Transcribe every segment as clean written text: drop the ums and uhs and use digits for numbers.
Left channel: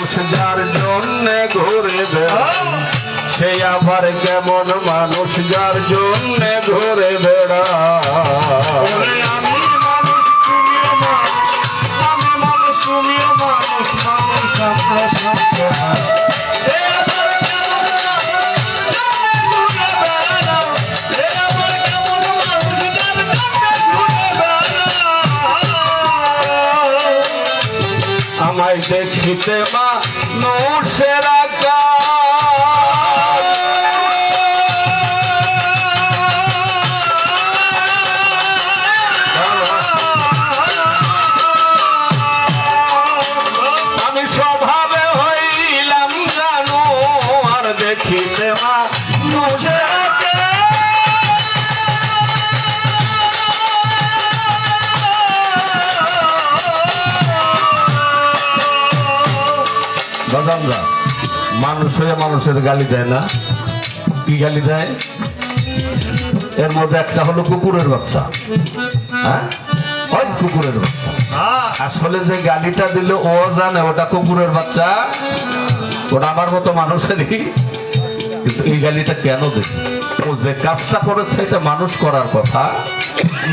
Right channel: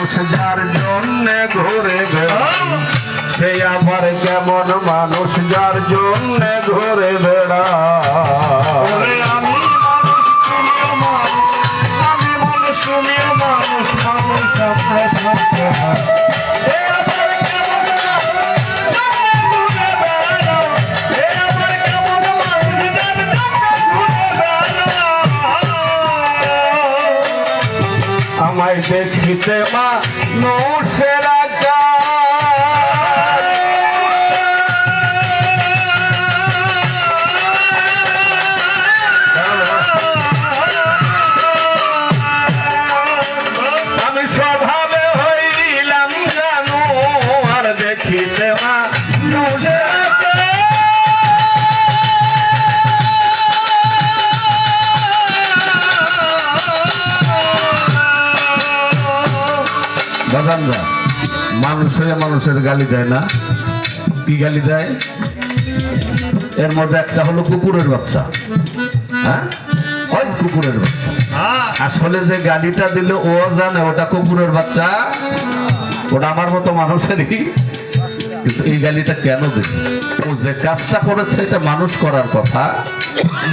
মানুষ যার জন্য ঘুরে বেড়ায় সে আবার কেমন মানুষ যার জন্য ঘুরে বেড়ায় আমায় দেখিতে মানুষের আমি স্বভাবে হইলাম জানো আর দেখিতে মানুষের বাজানরা মানুষ হয়ে মানুষের গালি দেয় না কি গালি দেয় এর মধ্যে একটা হলো কুকুরের বাচ্চা হ্যাঁ ওই কুকুরের বাচ্চা আসলে যে গালিটা দিল ও জানে ওটা কুকুরের বাচ্চা ওটা আমার মতো মানুষেরই কিন্তু এই গালিটা কেন দিল ও যে কাজটা করেছে এটা মানুষ করার কথা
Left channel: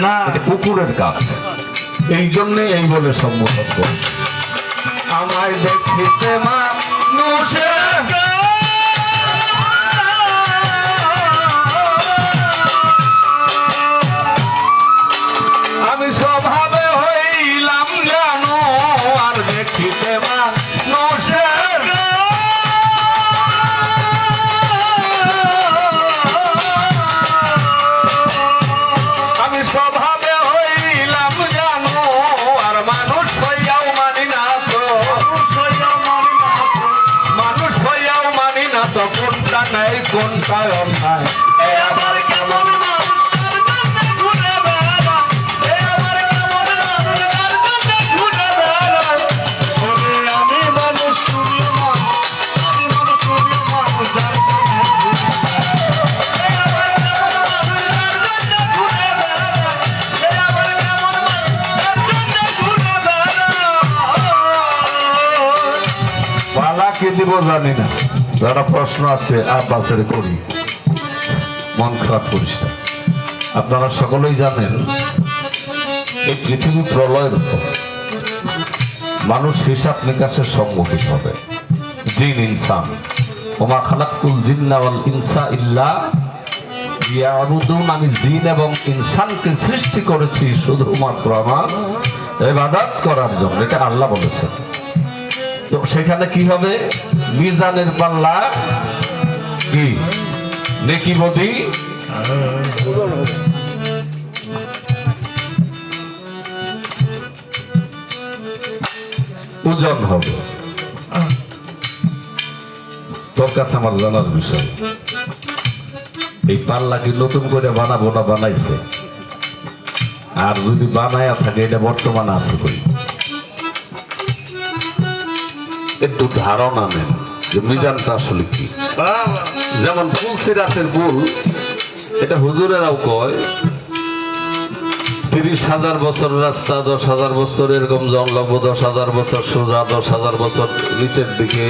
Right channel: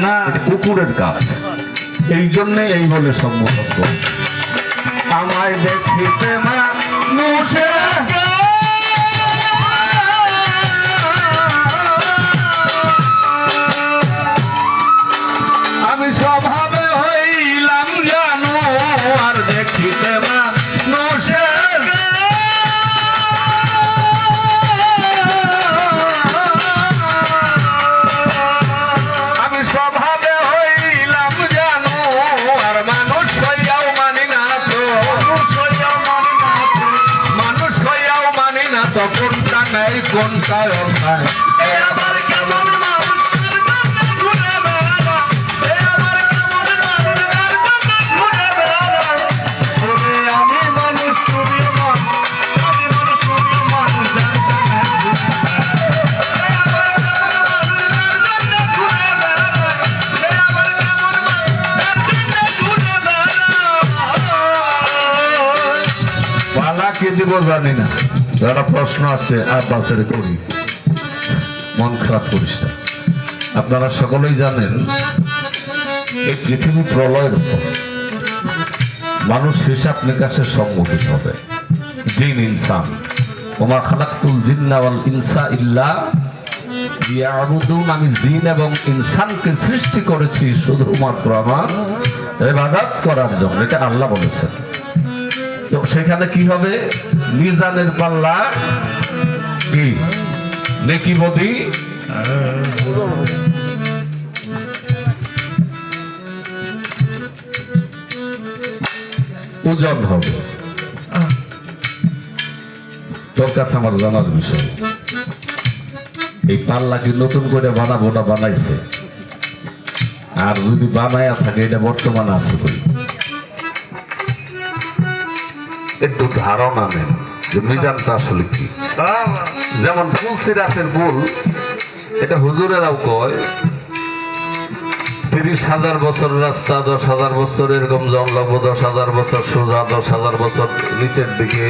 না এটা কুকুরের কাজ এই জন্যে এই বলে সম্বোধন করে আমায় দেখিতে মানুষের আমি স্বভাবে হইলাম জানো আর দেখিতে মানুষের আমি স্বভাবে হইলাম জানো আর মানুষ হইয়াও মানি না তো মানুষ হইয়াও মানি না তো কোনটা নেই কোনটা অন্যায় আবার কেমন কি দিব জানি না যারা প্রশ্ন আছে আব্বাসের করি মন খারাপ করিস না আপনারা সকলেই জানেন এই পৃথিবী প্রলয়ের উপর মানুষ হিসাব নিকাশের সম্মুখীন হবে জিন ইনসান ওমা খালাকতুল জিন্না ওয়াল ইনসা ইল্লা লিয়াবুদুন আমি জিন এবং ইনসানকে সৃষ্টি করেছি শুধুমাত্র আমার ইবাদত করার জন্য এটা আল্লাহ বলেছেন তো সেখানে কি হবে মিজানের পাল্লা কি নেকি বদি ওজন হবে তোর কাছে আমার জানার বিষয় এই পাল্লা কি নতুন করে বানাবো না বানাইছে আর যদি বানায়া থাকে এটা বর্তমানে আছে করি একটু ধারণা নেন যে মিজানটা আসলে কি যেমন ফুলসিরাতের ফুল এটা হুজুরেরাও কয় 30,000 বছর রাস্তা 10,000 বছর এরকম জনলভ 10,000 বছর সোজা 10,000 বছর নিচের দিকে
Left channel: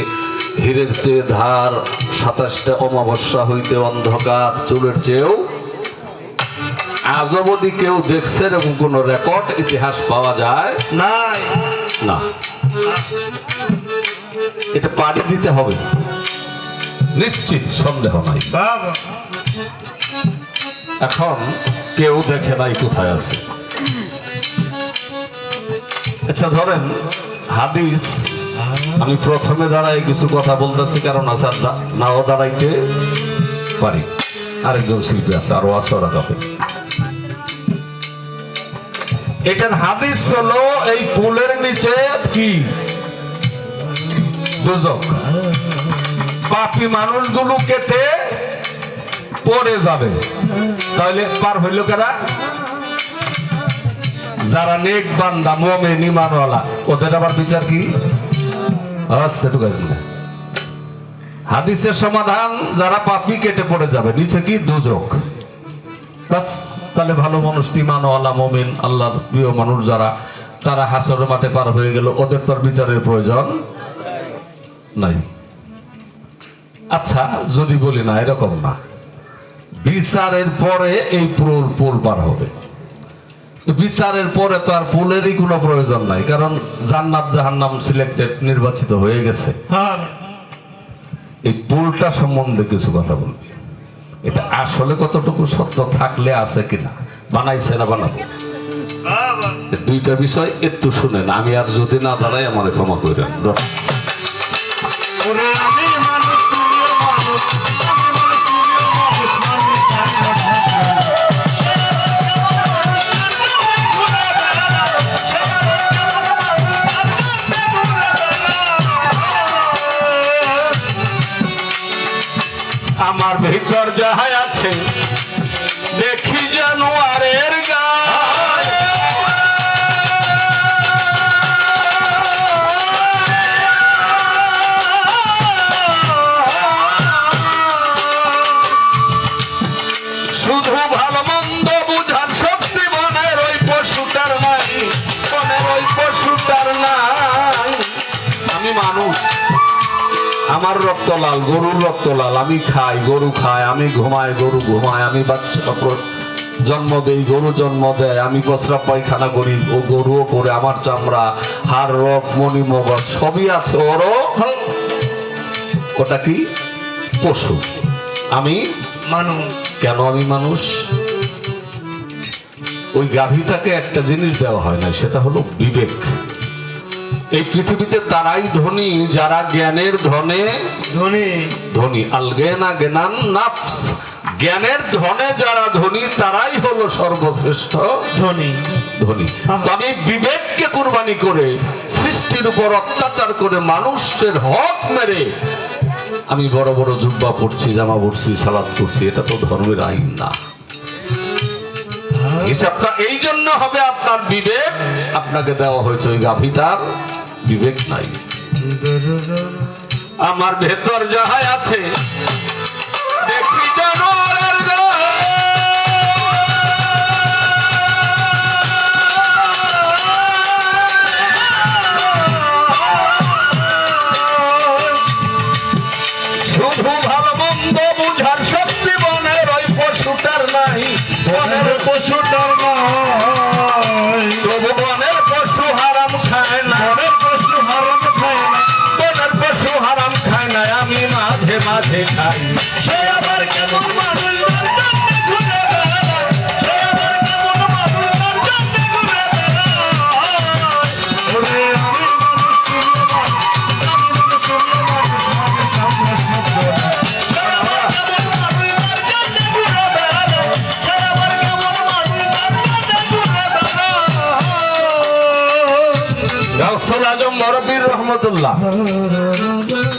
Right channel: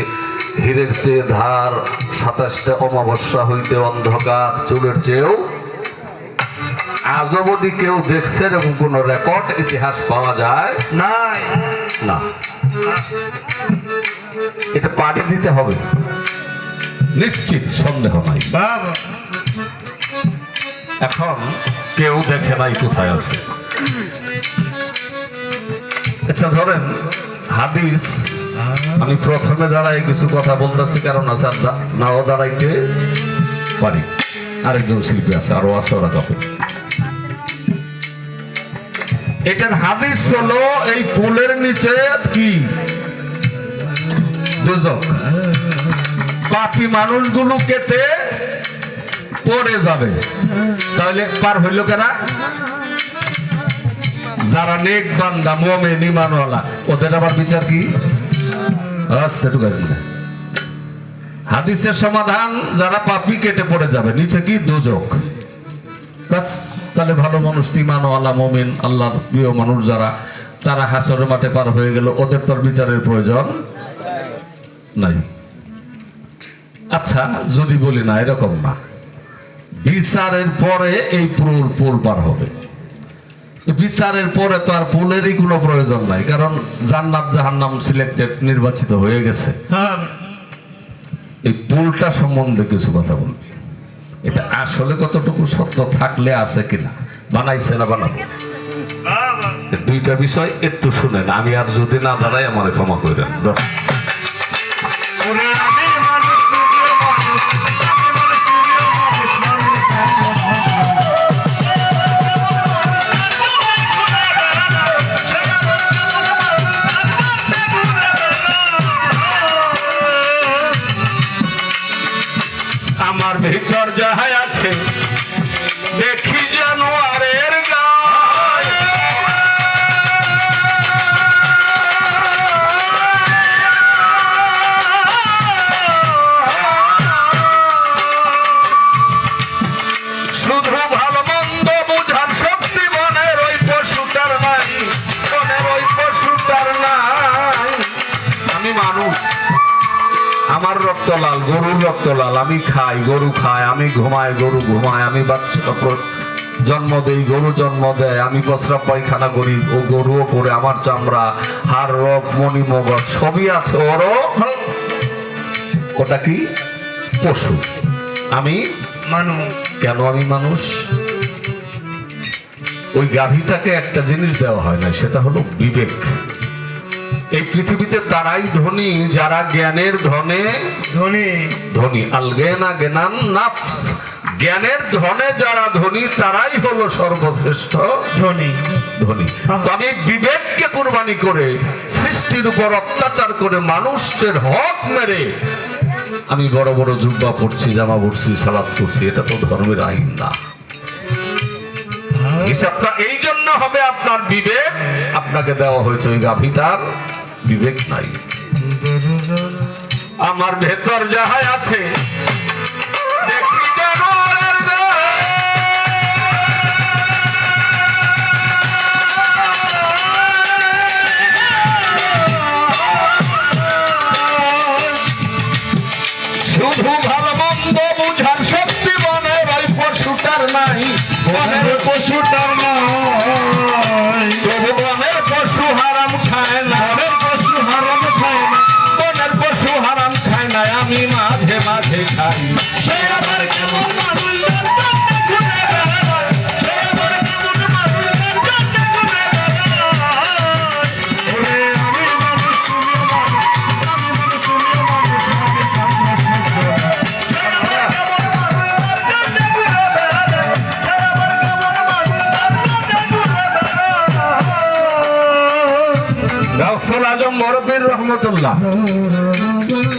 হীরের চেয়ে ধার 27টা অমাবস্যা হইতে অন্ধকার চুলের চেয়েও আজ অবধি কেউ দেখছে এরকম কোন রেকর্ড ইতিহাস পাওয়া যায় না এটা পাড়ি দিতে হবে নিশ্চিত সন্দেহ নাই এখন কেউ দেখে নাই কোথায় আছে আচ্ছা ধরেন হাদিস আমি প্রথমে দাঁড়াই কিছু কথা বলতেছি কারণ আসার নাও দাঁড়াইতে পারি আরেকজন শিল্পী আছে আরো আছে ওরা কাপে এটার হাদিস হলো এই পুলের নিচে কি দুজক পাপী মানুষগুলো কেটে পড়ে যাবে তাহলে পার হইল কারা যারা নেক বান্দা মুমিন ঈমানওয়ালা ওদের আবার বিচার কি হাদিসের সমাধান যারা পাপী কেটে পড়ে যাবে নিচে কি দুজক বাস তাহলে ভালো মানুষ ঈমানওয়ালা মুমিন আল্লাহর প্রিয় মানুষ যারা তারা হাসরের মাঠে পার হয়ে গেল ওদের তোর বিচারের প্রয়োজন নাই। আচ্ছা, যদি বলি না, এরকম না, বিচারের পরে এই পুল পার হবে। বিচারের পরে তো আর পুলেরই কোনো প্রয়োজন নাই, কারণ জান্নাত জাহান্নাম সিলেক্টেড, নির্বাচিত হয়ে গেছে। এই পুলটা সম্বন্ধে কিছু কথা বলবি। এটা আসলে কতটুকু সত্য থাকলে আছে কিনা, বানাইছে না বানাবো, দুইটা বিষয় একটু শুনেন। আমি আর যদি না দাঁড়াই আমার ক্ষমা করেন। আমার ভিতর যাহাই আছে দেখি জানোয়ারের গায়ে, শুধু ভালো মন্দ বুঝার শক্তি মনের ওই পশুটার নাই, মনের ওই পশুটার নাই। আমি মানুষ, আমার রক্ত লাল, গরুর রক্ত লাল, আমি খাই, গরু খায়, আমি ঘুমাই, গরু ঘুমায়, আমি বাচ্চা জন্ম দেই, গরু জন্ম দেয়, আমি প্রস্রাব পায়খানা করি, ও গরুও করে, আমার চামড়া, হাড়, রক, মণি, মগজ সবই আছে ওরও। ওটা কি? পশু। আমি মানুষ। কেন আমি মানুষ? ওই গাভীটাকে একটা জিনিস দেওয়া হয় না, সেটা হলো বিবেক। এই পৃথিবীতে তারাই ধনী যারা জ্ঞানের ধনে ধনী। আল জ্ঞানা জ্ঞানান নাফস, জ্ঞানের ধনে যারা ধনী তারাই হলো সর্বশ্রেষ্ঠ ধনী। তবে বিবেককে কুরবানি করে, সৃষ্টির উপর অত্যাচার করে, মানুষের হক মেরে আমি বড় বড় জুব্বা পড়ছি, জামা পড়ছি, সালাত করছি, এটা তো ধর্মের আইন না। হিসাবটা এই জন্য হবে আপনার বিবেক। আপনাকে দেওয়া হয়েছে ওই গাভীটার বিবেক নাই। আমার ভেতর যাহাই আছে দেখি জানোয়ারের গায়ে, শুধু ভালো মন্দ বুঝার শক্তি মনের ওই পশুটার নাই, বনের পশুটার নাই। তবু বনের পশু হারাম খায় না, বনের পশু হারাম খায় না, বনের পশু হারাম খায় না, আমি মাঝে মাঝে খাই। সে আবার কেমন মানুষ,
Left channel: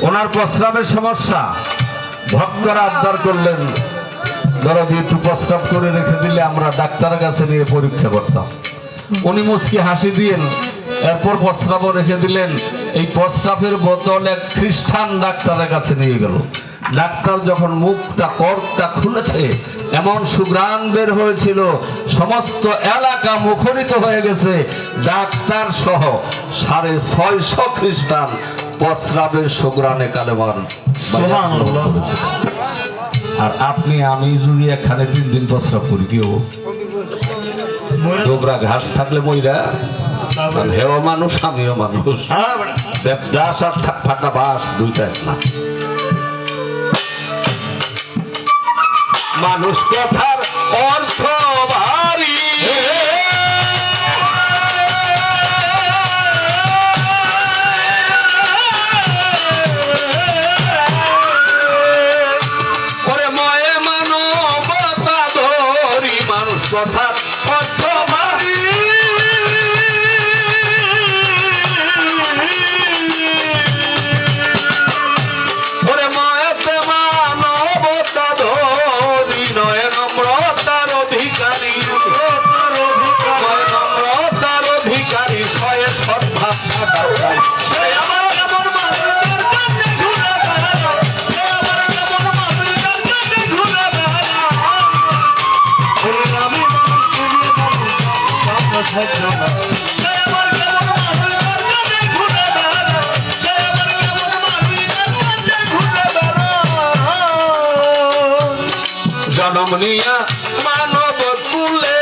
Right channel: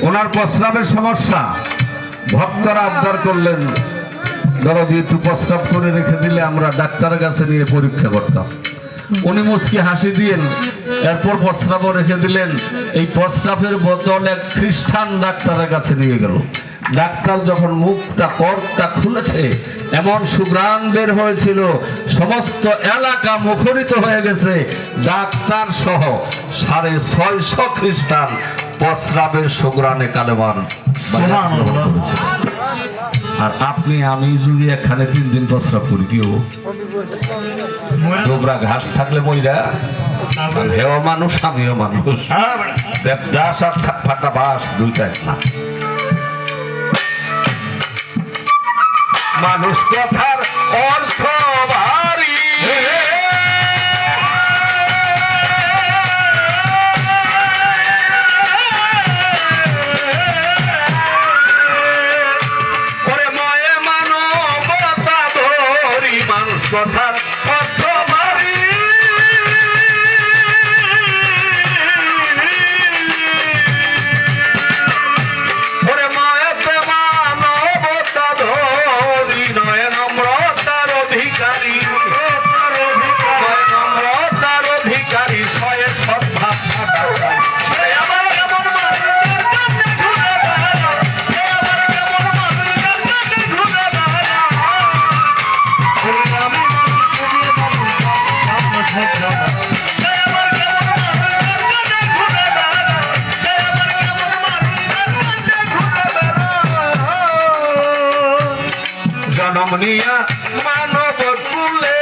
ওনার প্রস্রাবের সমস্যা, ভক্তরা আবদার করলেন, ধরো একটু প্রস্রাব করে রেখে দিলে আমরা ডাক্তারের কাছে নিয়ে পরীক্ষা করতাম। উনি মুচকি হাসি দিলেন, এরপর প্রস্রাবও রেখে দিলেন। এই প্রস্রাবের বোতল এক খ্রিস্টান ডাক্তারের কাছে নিয়ে গেল। ডাক্তার যখন মুখটা কর্কটা খুলেছে, এমন সুঘ্রাণ বের হয়েছিল, সমস্ত এলাকা মুখরিত হয়ে গেছে। ডাক্তার সহ 650 খ্রিস্টান প্রস্রাবের সুঘ্রাণে কালেমার করেছে। আর আপনি আমি যদি এখানে 3 দিন প্রস্রাব করি, কি হবো? তোমরা ঘাস থাকলে মইরা, হেও মানুষ, আমিও মানুষ। দেবদাস আর ফাটা বাস দুইটা এক না। মানুষ কথার অর্থ ভারী, ওরে ময়ে মানবতা ধরি, মানুষ কথার অর্থ ভারী। ওরে ময়েতে মানবতা ধরি, নয় নম্রতার অধিকার। জনম নিয়া মানব কুলে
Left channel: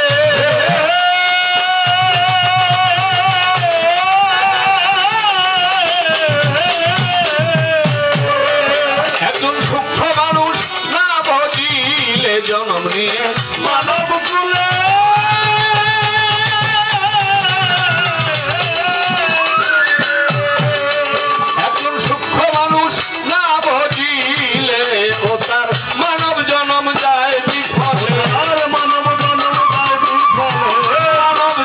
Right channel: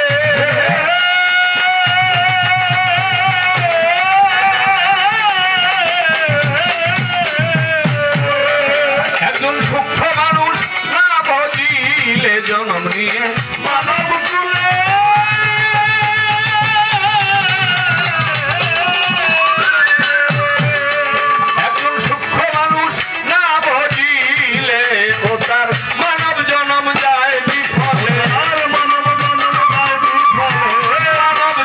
একজন সূক্ষ্ম মানুষ না বুঝিলে জনম নিয়ে মানব কুলে একজন সূক্ষ্ম মানুষ না বুঝিলে ও তার মানব জনম যায় বিফলে মানব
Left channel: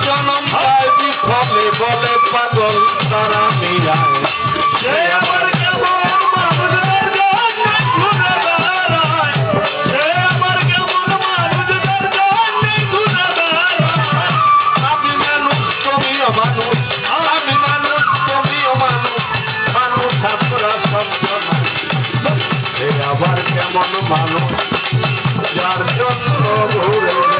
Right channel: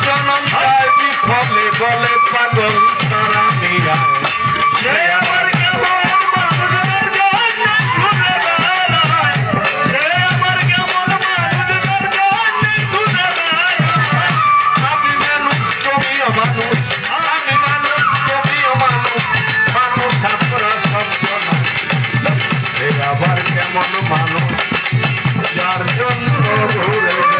জনম যায় বিফলে বলে পাগল তারা মীরা সে আমার কেমন মানুষদের জন্য ঘুরে বেড়ায় সে আমার কেমন মানুষদের জন্য ঘুরে বেড়ায় আমি মানুষ তুমিও মানুষ আমি মানুষ তুমিও মানুষ মানুষ আমরা সন্তান সে আবার কেমন মানুষ যার জন্য ঘুরে